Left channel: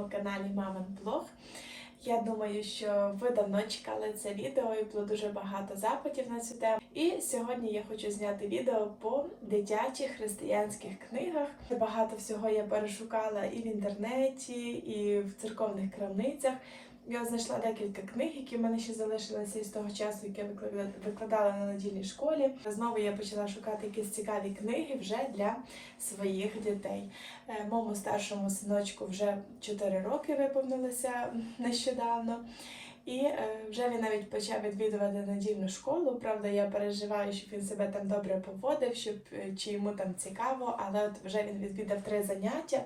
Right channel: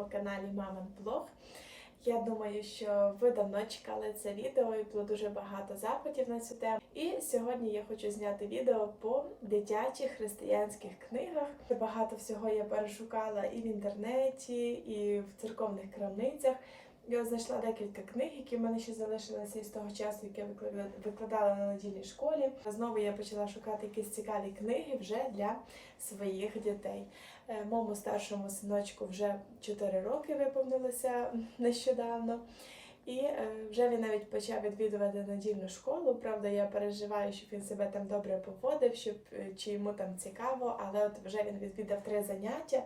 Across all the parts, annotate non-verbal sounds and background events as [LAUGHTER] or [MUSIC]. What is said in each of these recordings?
своєму каналі Мамин Блог. Я думаю, що ви давно чекали це відео і було дуже багато запитів на цю тему. І сьогодні я хочу зняти відео по дитячих християнських книгах. Багато всього я перешукала і в інтернеті, і в церковних крамницях. Я знайшла декілька книг, які в мене ще залишилися із того часу, які я викладала- на недільній школі. Знову я почала шукати якісь цікаві книги вже для своїх дітей. Е, Моєму старшому синочку вже 4 роки виповнилося нещодавно. І е, вже він навіть почав відвідувати недільну школу. Правда, я переживаю, щоб він себе там добре поводив, щоб е, чи йому там цікаво, але от вже він відвідав три заняття.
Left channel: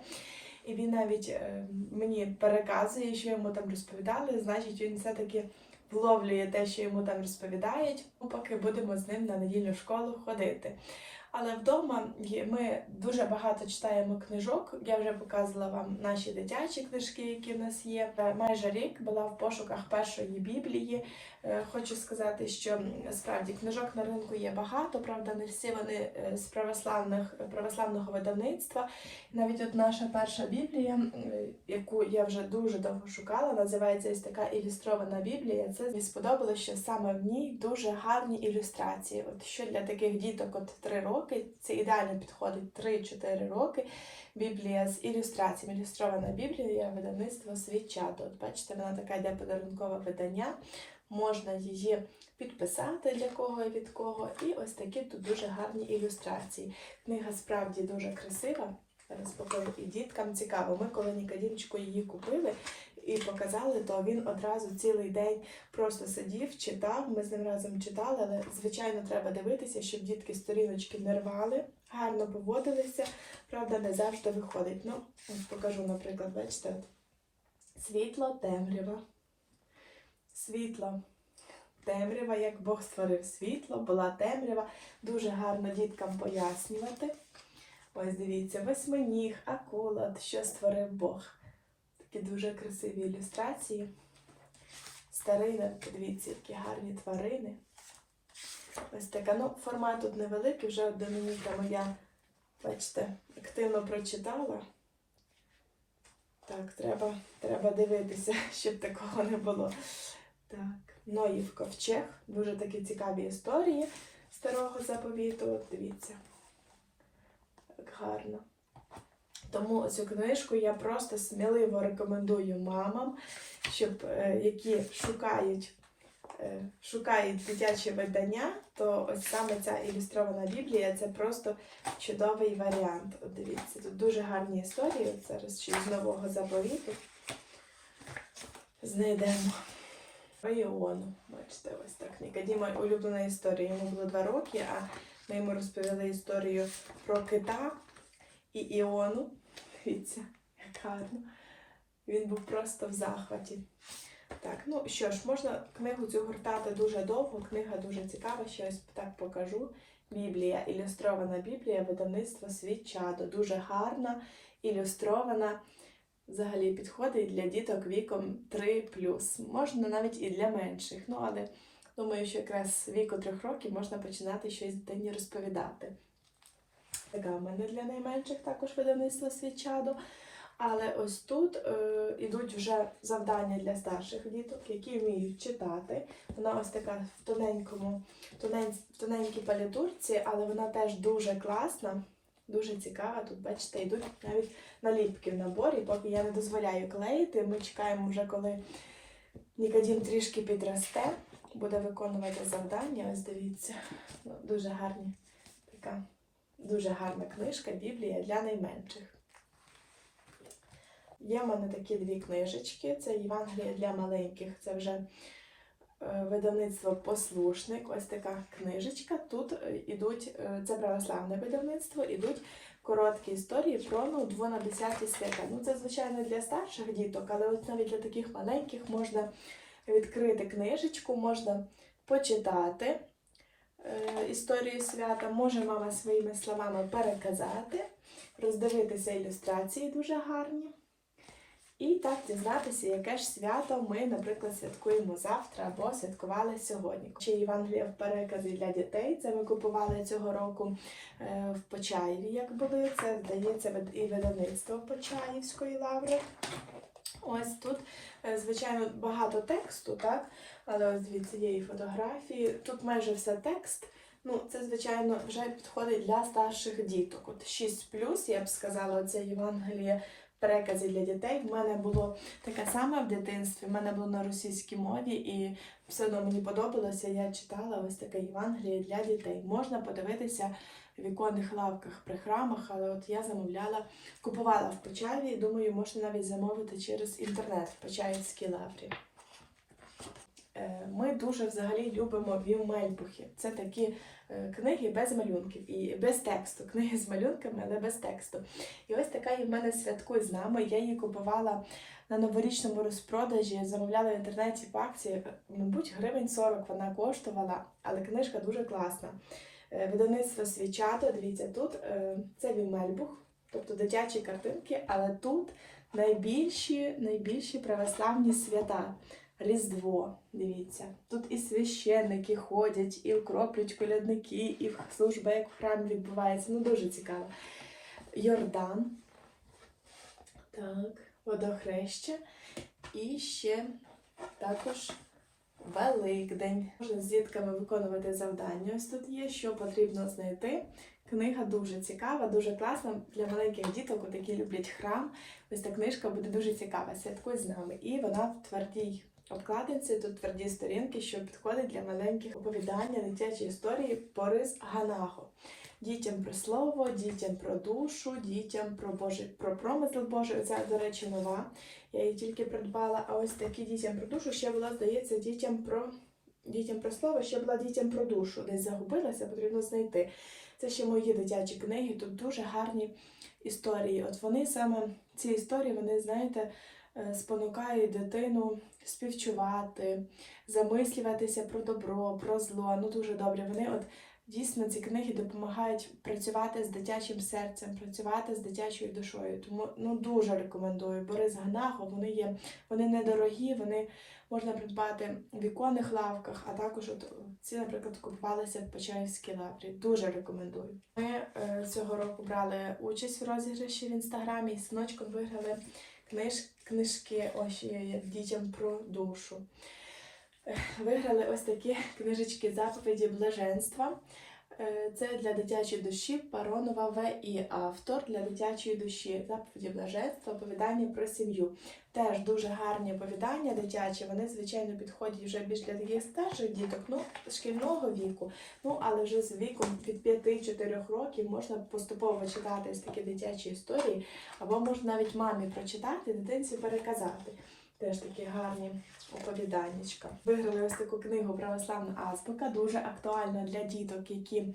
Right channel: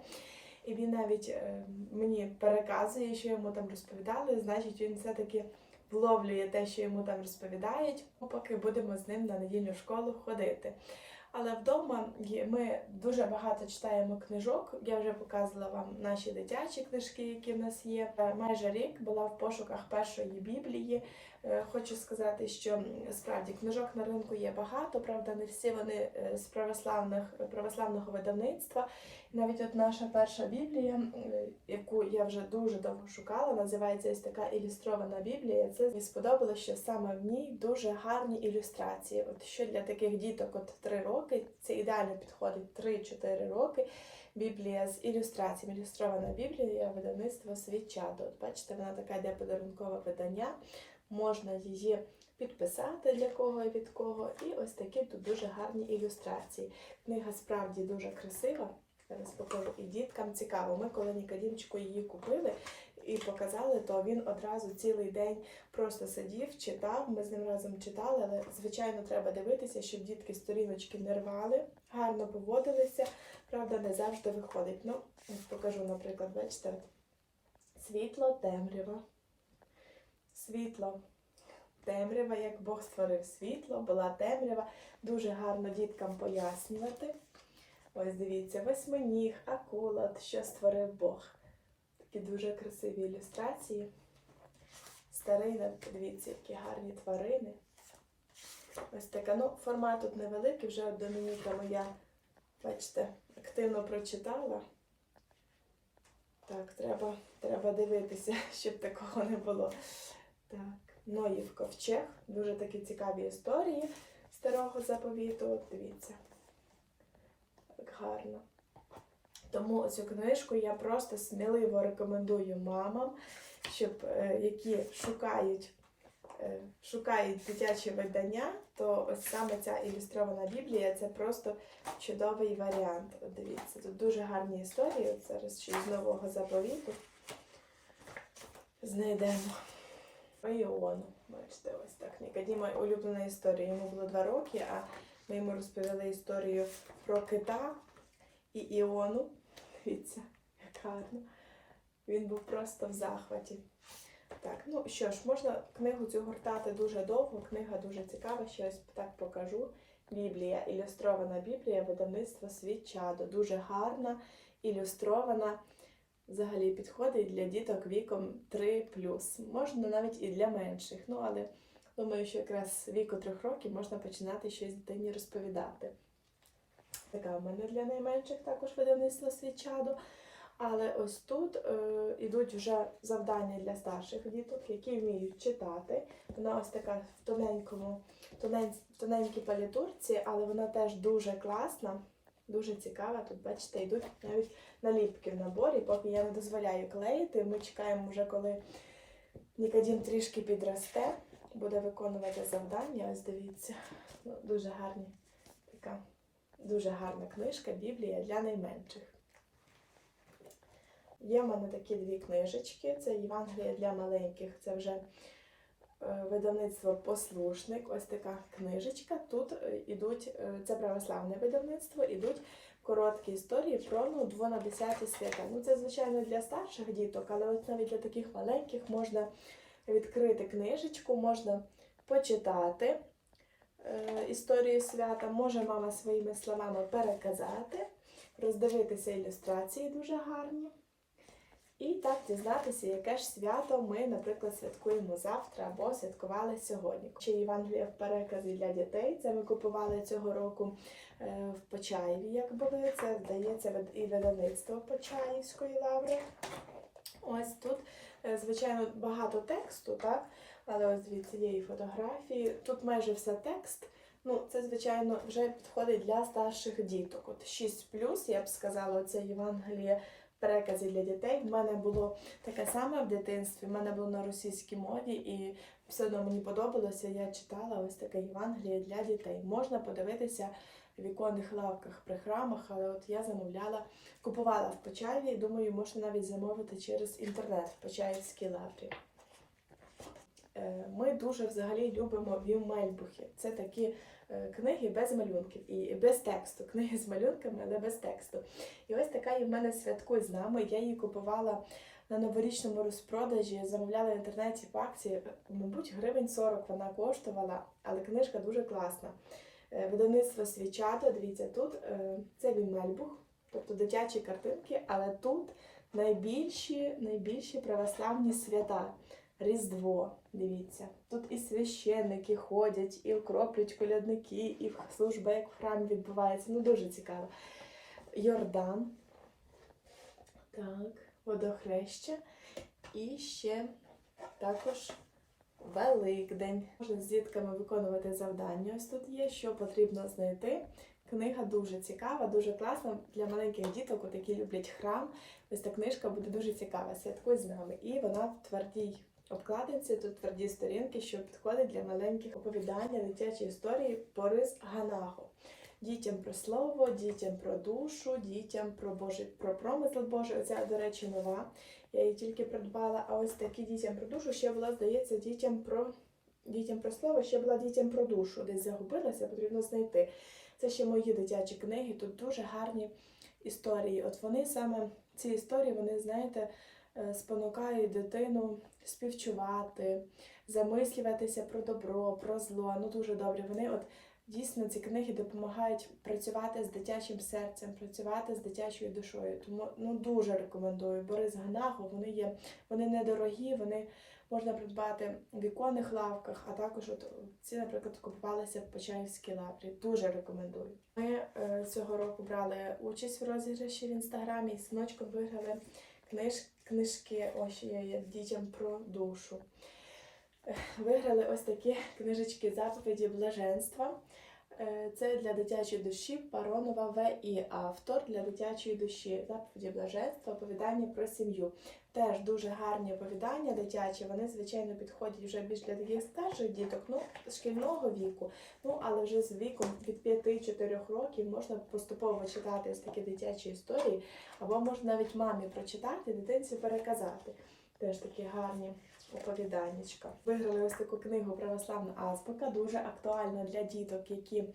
І він навіть е, мені переказує, що йому там розповідали, значить він все-таки вловлює те, що йому там розповідають, поки будемо з ним на недільну школу ходити. Але вдома ми дуже багато читаємо книжок. Я вже показувала вам наші дитячі книжки, які в нас є. Е, Майже рік була в пошуках першої біблії. Е, Хочу сказати, що справді книжок на ринку є багато, правда, не всі вони е, з православних православного видавництва. Навіть от наша перша біблія, яку я вже дуже довго шукала, називається ось така ілюстрована біблія. Це мені сподобалося, що саме в ній дуже гарні ілюстрації. От що для таких діток, от 3 роки, це ідеально підходить 3-4 роки. Біблія з ілюстраціями, ілюстрована біблія видавництва Свічато. От бачите, вона така йде подарункове видання. Можна її підписати для кого і від кого. І ось такі тут дуже гарні ілюстрації. Книга справді дуже красива. Зараз покажу і діткам цікаво. Ми коли Нікодімчику її купили і показали, то він одразу цілий день просто сидів, читав. Ми з ним разом читали, але звичайно треба дивитися, щоб дітки сторіночки не рвали, гарно поводилися. Правда, не завжди виходить. Ну, покажу, наприклад, бачите, світло, темрява. Світло. Темрява, як Бог створив світло, була темрява. Дуже гарно діткам пояснювати. Ось дивіться, восьминіг, акула, що створив Бог. Такі дуже красиві ілюстрації. Старина, подивіться, які гарні тварини. Ось така. Ну, формат тут невеликий, вже Домініка моя, бачите, активно прочитала. Так, треба, треба дивитися, [LAUGHS] щоб такого не було. Так, Ноїв ковчег. Дуже такі цікаві історії старого заповіту. От дивіться. Так гарно. Тому цю книжку я просто сміливо рекомендую мамам, щоб е, які шукають, е, шукають дитячі видання, то ось саме ця ілюстрована біблія це просто чудовий варіант. От дивіться, тут дуже гарні історії. Зараз ще з нового заповіту знайдемо. Про Іону. Бачите, ось так. Нікодіма улюблена історія. Йому було два роки, а ми йому розповіли історію про кита і Іону. Дивіться, як гарно. Він був просто в захваті. Так, ну що ж, можна книгу цю гортати дуже довго, книга дуже цікава, ще ось так покажу. Біблія, ілюстрована Біблія, видавництво Свічадо. Дуже гарна, ілюстрована. Взагалі підходить для діток віком 3 Можна навіть і для менших. Ну, але думаю, що якраз віку трьох років можна починати щось дитині розповідати. Така в мене для найменших також видавництво свічадо. Але ось тут е, ідуть вже завдання для старших діток, які вміють читати. Вона ось така в тоненькому, тонень, тоненькій палітурці, але вона теж дуже класна, дуже цікава. Тут, бачите, йдуть навіть наліпки в наборі, поки я не дозволяю клеїти. Ми чекаємо вже, коли Нікодім трішки підросте, буде виконувати завдання. Ось дивіться. Ну, дуже гарні така. Дуже гарна книжка Біблія для найменших. Є в мене такі дві книжечки. Це Євангелія для маленьких. Це вже видавництво Послушник. Ось така книжечка. Тут е, ідуть, е, це православне видавництво, ідуть короткі історії про ну, 2 на 10 свята. Ну, це, звичайно, для старших діток, але от навіть для таких маленьких можна відкрити книжечку, можна почитати е, історію свята, може мама своїми словами переказати, роздивитися ілюстрації дуже гарні. І так дізнатися, яке ж свято ми, наприклад, святкуємо завтра або святкували сьогодні. Ще Євангелія в переказі для дітей. Це ми купували цього року е, в Почаєві, як були. Це здається і видавництво Почаївської лаври. Е, Звичайно, багато тексту, так? Але ось є і фотографії. Тут майже все текст. Ну, це, звичайно, вже підходить для старших діток. От 6 я б сказала, це Євангеліє перекази для дітей. В мене було таке саме в дитинстві. В мене було на російській мові, і все одно мені подобалося. Я читала ось таке Євангеліє для дітей. Можна подивитися в віконних лавках при храмах, але от я замовляла, купувала в Почаєві. Думаю, можна навіть замовити через інтернет в Почаївській лаврі. Е, Ми дуже взагалі любимо вівмельбухи. Це такі е, книги без малюнків і без тексту. Книги з малюнками, але без тексту. І ось така є в мене святкуй з нами. Я її купувала на новорічному розпродажі, замовляла в інтернеті по акції. Мабуть, гривень 40 вона коштувала, але книжка дуже класна. Е, Видавництво свічата, дивіться, тут це вівмельбух, тобто дитячі картинки, але тут найбільші, найбільші православні свята. Різдво, дивіться. Тут і священники ходять, і окроплюють колядники, і служба як в храмі відбувається. Ну, дуже цікаво. Йордан. Так, водохреща. І ще також Великдень. Можна з дітками виконувати завдання. Ось тут є, що потрібно знайти. Книга дуже цікава, дуже класна для маленьких діток, які люблять храм. Ось та книжка буде дуже цікава. Святкуй з нами. І вона в твердій обкладинці, тут тверді сторінки, що підходить для маленьких оповідання, дитячі історії Борис Ганаго. Дітям про слово, дітям про душу, дітям про Божий, про промисел Божий. Це, до речі, нова. Я її тільки придбала. А ось такі дітям про душу ще була, здається, дітям про дітям про слово, ще була дітям про душу. Десь загубилася, потрібно знайти. Це ще мої дитячі книги. Тут дуже гарні історії. От вони саме ці історії, вони, знаєте, спонукають дитину співчувати, замислюватися про добро, про зло. Ну дуже добре. Вони от дійсно ці книги допомагають працювати з дитячим серцем, працювати з дитячою душою. Тому ну дуже рекомендую. Борис Ганаго, вони є, вони недорогі, вони можна придбати в віконних лавках, а також от ці, наприклад, купувалися в Почаївській лаврі. Дуже рекомендую. Ми е, цього року брали участь в розіграші в інстаграмі і синочком виграли книж, книжки ось є, дітям про душу. Виграли ось такі книжечки заповіді блаженства. Е, Це для дитячої душі Паронова В.І. Автор для дитячої душі. Заповіді блаженства, оповідання про сім'ю. Теж дуже гарні оповідання дитячі. Вони, звичайно, підходять вже більш для таких старших діток, ну, шкільного віку. Ну, але вже з віком від 5-4 років можна поступово читати такі дитячі історії, або можна навіть мамі прочитати, дитинці переказати. Теж такі гарні оповіданнячка. Виграли ось таку книгу Православна азбука, дуже актуальна для діток, які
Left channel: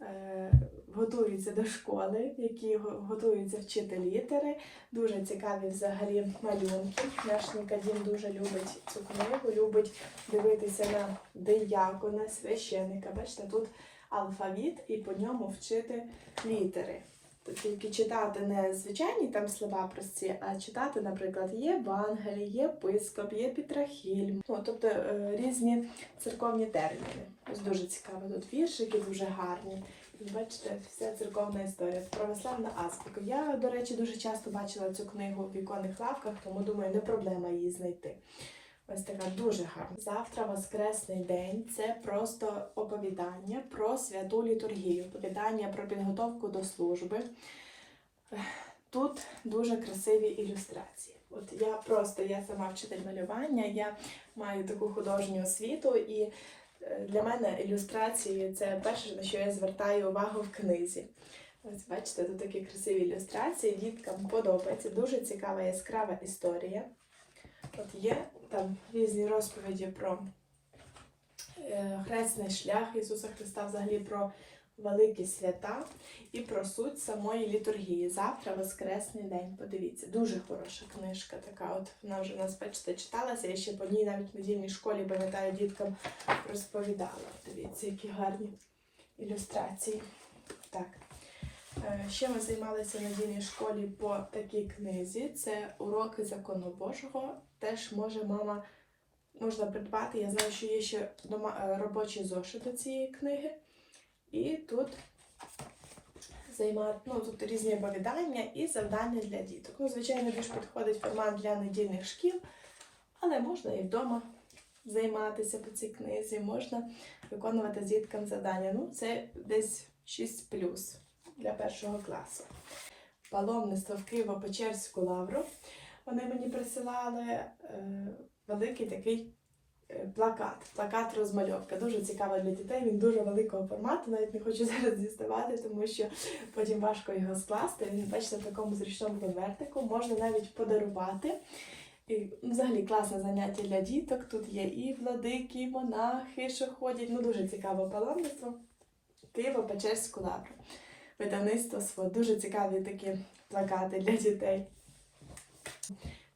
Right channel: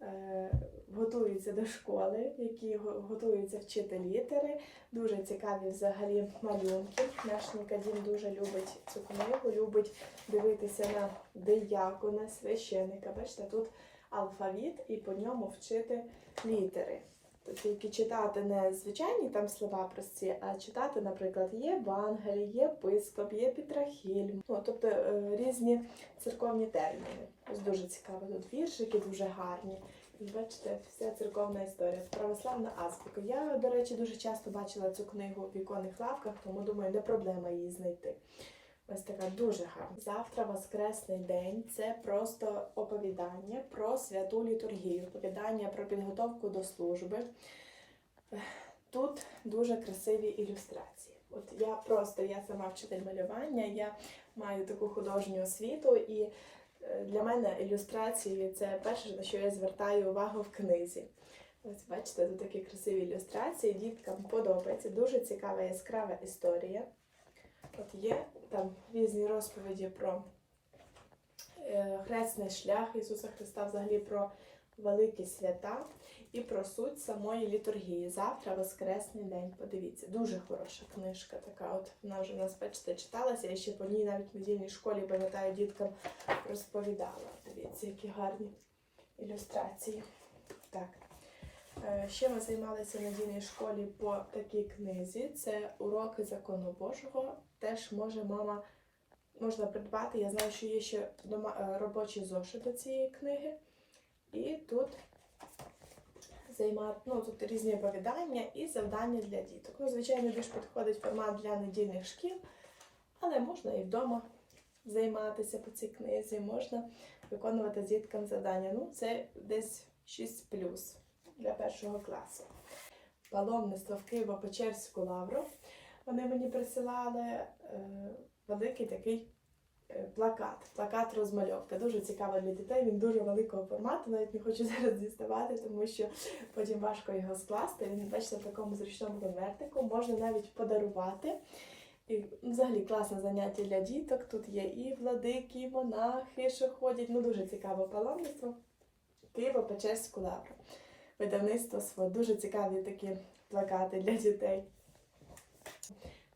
е, готуються до школи, які готуються вчити літери. Дуже цікаві взагалі малюнки. Наш Нікодім дуже любить цю книгу, любить дивитися на диякона, священика. Бачите, тут алфавіт і по ньому вчити літери. Тільки читати не звичайні там слова прості, а читати, наприклад, є Евангелій, є Пископ, є Пітрахіль. Ну, тобто е, різні церковні терміни. Ось дуже цікаво. Тут віршики дуже гарні. Бачите, вся церковна історія. Православна азбука. Я, до речі, дуже часто бачила цю книгу в віконних лавках, тому думаю, не проблема її знайти. Ось така дуже гарна. Завтра Воскресний день це просто оповідання про святу літургію, оповідання про підготовку до служби. Тут дуже красиві ілюстрації. От я просто я сама вчитель малювання, я маю таку художню освіту, і е, для мене ілюстрації це перше, на що я звертаю увагу в книзі. Ось бачите, тут такі красиві ілюстрації, діткам подобається. Дуже цікава яскрава історія. От є там різні розповіді про е, хресний шлях Ісуса Христа, взагалі про великі свята і про суть самої літургії. Завтра Воскресний день. Подивіться, дуже хороша книжка така. От вона вже у нас, бачите, читалася. Я ще по ній навіть в недільній школі, пам'ятаю, діткам розповідала. Дивіться, які гарні ілюстрації. Так. Е, Ще ми займалися в недільній школі по такій книзі. Це уроки закону Божого. Теж може мама можна придбати. Я знаю, що є ще дома е, робочі зошити цієї книги. І тут займати, ну тут різні оповідання і завдання для діток. Ну, звичайно, більш підходить формат для недільних шкіл, Але можна і вдома займатися по цій книзі, можна виконувати з діткам завдання. Ну, це десь 6 для першого класу. Паломництво в Києво-Печерську лавру. Вони мені присилали е, великий такий е, плакат, плакат розмальовка. Дуже цікаво для дітей. Він дуже великого формату, навіть не хочу [LAUGHS] зараз діставати, тому що потім важко його скласти. Він, бачите, в такому зручному конвертику можна навіть подарувати. І ну, взагалі класне заняття для діток. Тут є і владики, і монахи, що ходять. Ну дуже цікаве паломництво. Києво-Печерську лавру. Видавництво СВО. Дуже цікаві такі плакати для дітей.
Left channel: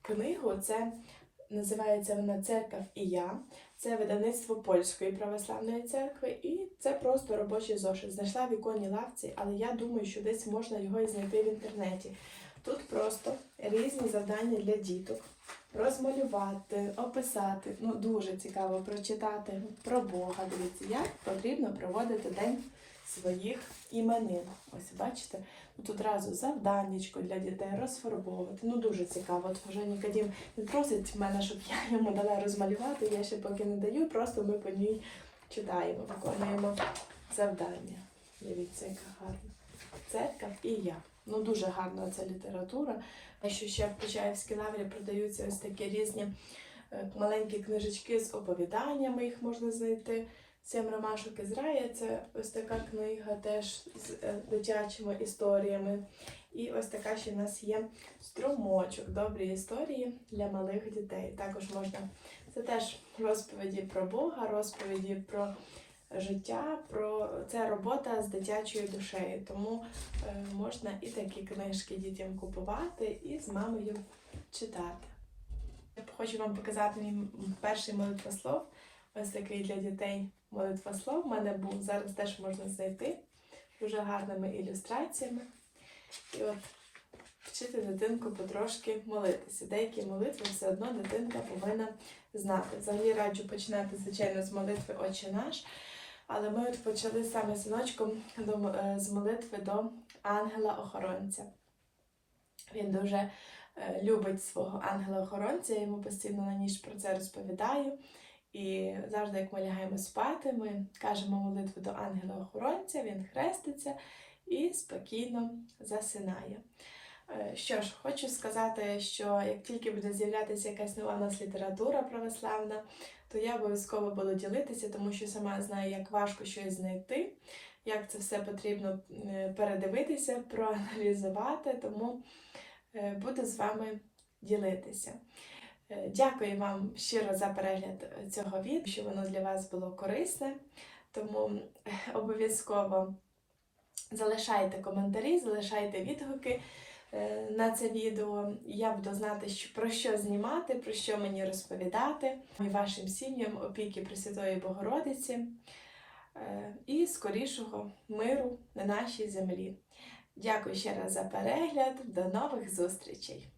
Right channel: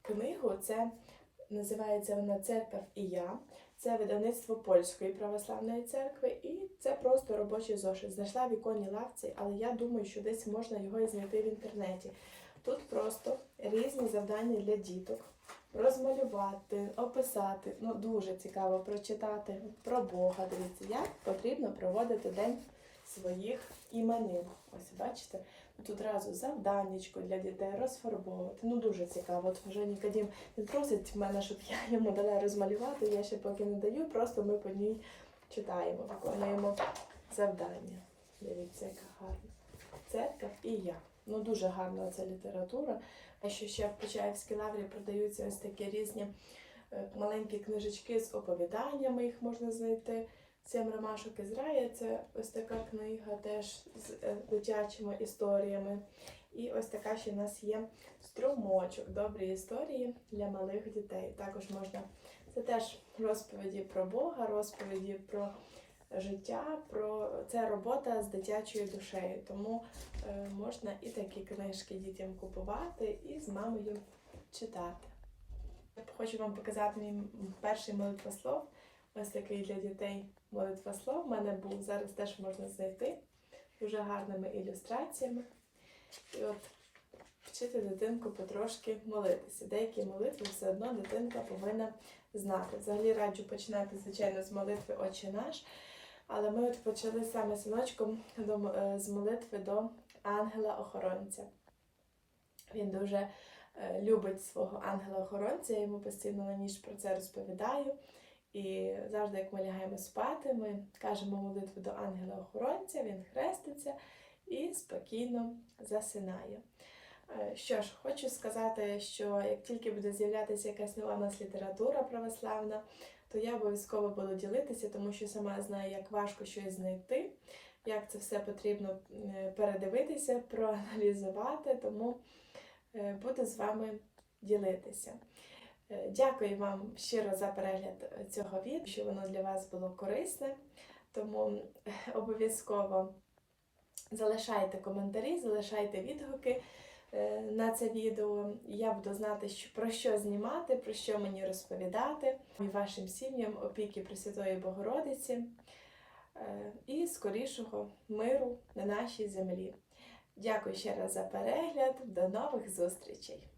Книгу це називається вона Церкав і я. Це видавництво польської православної церкви, і це просто робочий зошит. Знайшла в іконній лавці, але я думаю, що десь можна його і знайти в інтернеті. Тут просто різні завдання для діток. Розмалювати, описати. Ну, дуже цікаво прочитати про Бога. Дивіться, як потрібно проводити день своїх іменин. Ось бачите, тут одразу завданнячко для дітей розфарбовувати. Ну дуже цікаво. От вже Нікодім він просить мене, щоб я йому дала розмалювати. Я ще поки не даю, просто ми по ній читаємо, виконуємо завдання. Дивіться, яка гарна. Церква і я. Ну дуже гарна ця література. Що ще в Почаївській лаврі продаються ось такі різні е, маленькі книжечки з оповіданнями, їх можна знайти. Сім ромашок із раю це ось така книга теж з е, дитячими історіями. І ось така ще в нас є струмочок, добрі історії для малих дітей. Також можна це теж розповіді про Бога, розповіді про життя, про це робота з дитячою душею. Тому е, можна і такі книжки дітям купувати і з мамою читати. Хочу вам показати мій перший молитвослов. Ось такий для дітей молитвослов. У мене був зараз теж можна знайти дуже гарними ілюстраціями. І от вчити дитинку потрошки молитися. Деякі молитви все одно дитинка повинна знати. Взагалі раджу починати, звичайно, з молитви Отче наш. Але ми от почали саме синочком е, з молитви до ангела-охоронця. Він дуже е, любить свого ангела-охоронця, я йому постійно на ніч про це розповідаю. І завжди, як ми лягаємо спати, ми кажемо молитву до ангела-охоронця, він хреститься і спокійно засинає. Е, Що ж, хочу сказати, що як тільки буде з'являтися якась нова в нас література православна, то я обов'язково буду ділитися, тому що сама знаю, як важко щось знайти, як це все потрібно е, передивитися, проаналізувати, тому е, буду з вами ділитися. Е, Дякую вам щиро за перегляд е, цього відео, що воно для вас було корисне. Тому е, обов'язково залишайте коментарі, залишайте відгуки на це відео. Я буду знати, про що знімати, про що мені розповідати, і вашим сім'ям опіки Пресвятої Богородиці і скорішого миру на нашій землі. Дякую ще раз за перегляд. До нових зустрічей!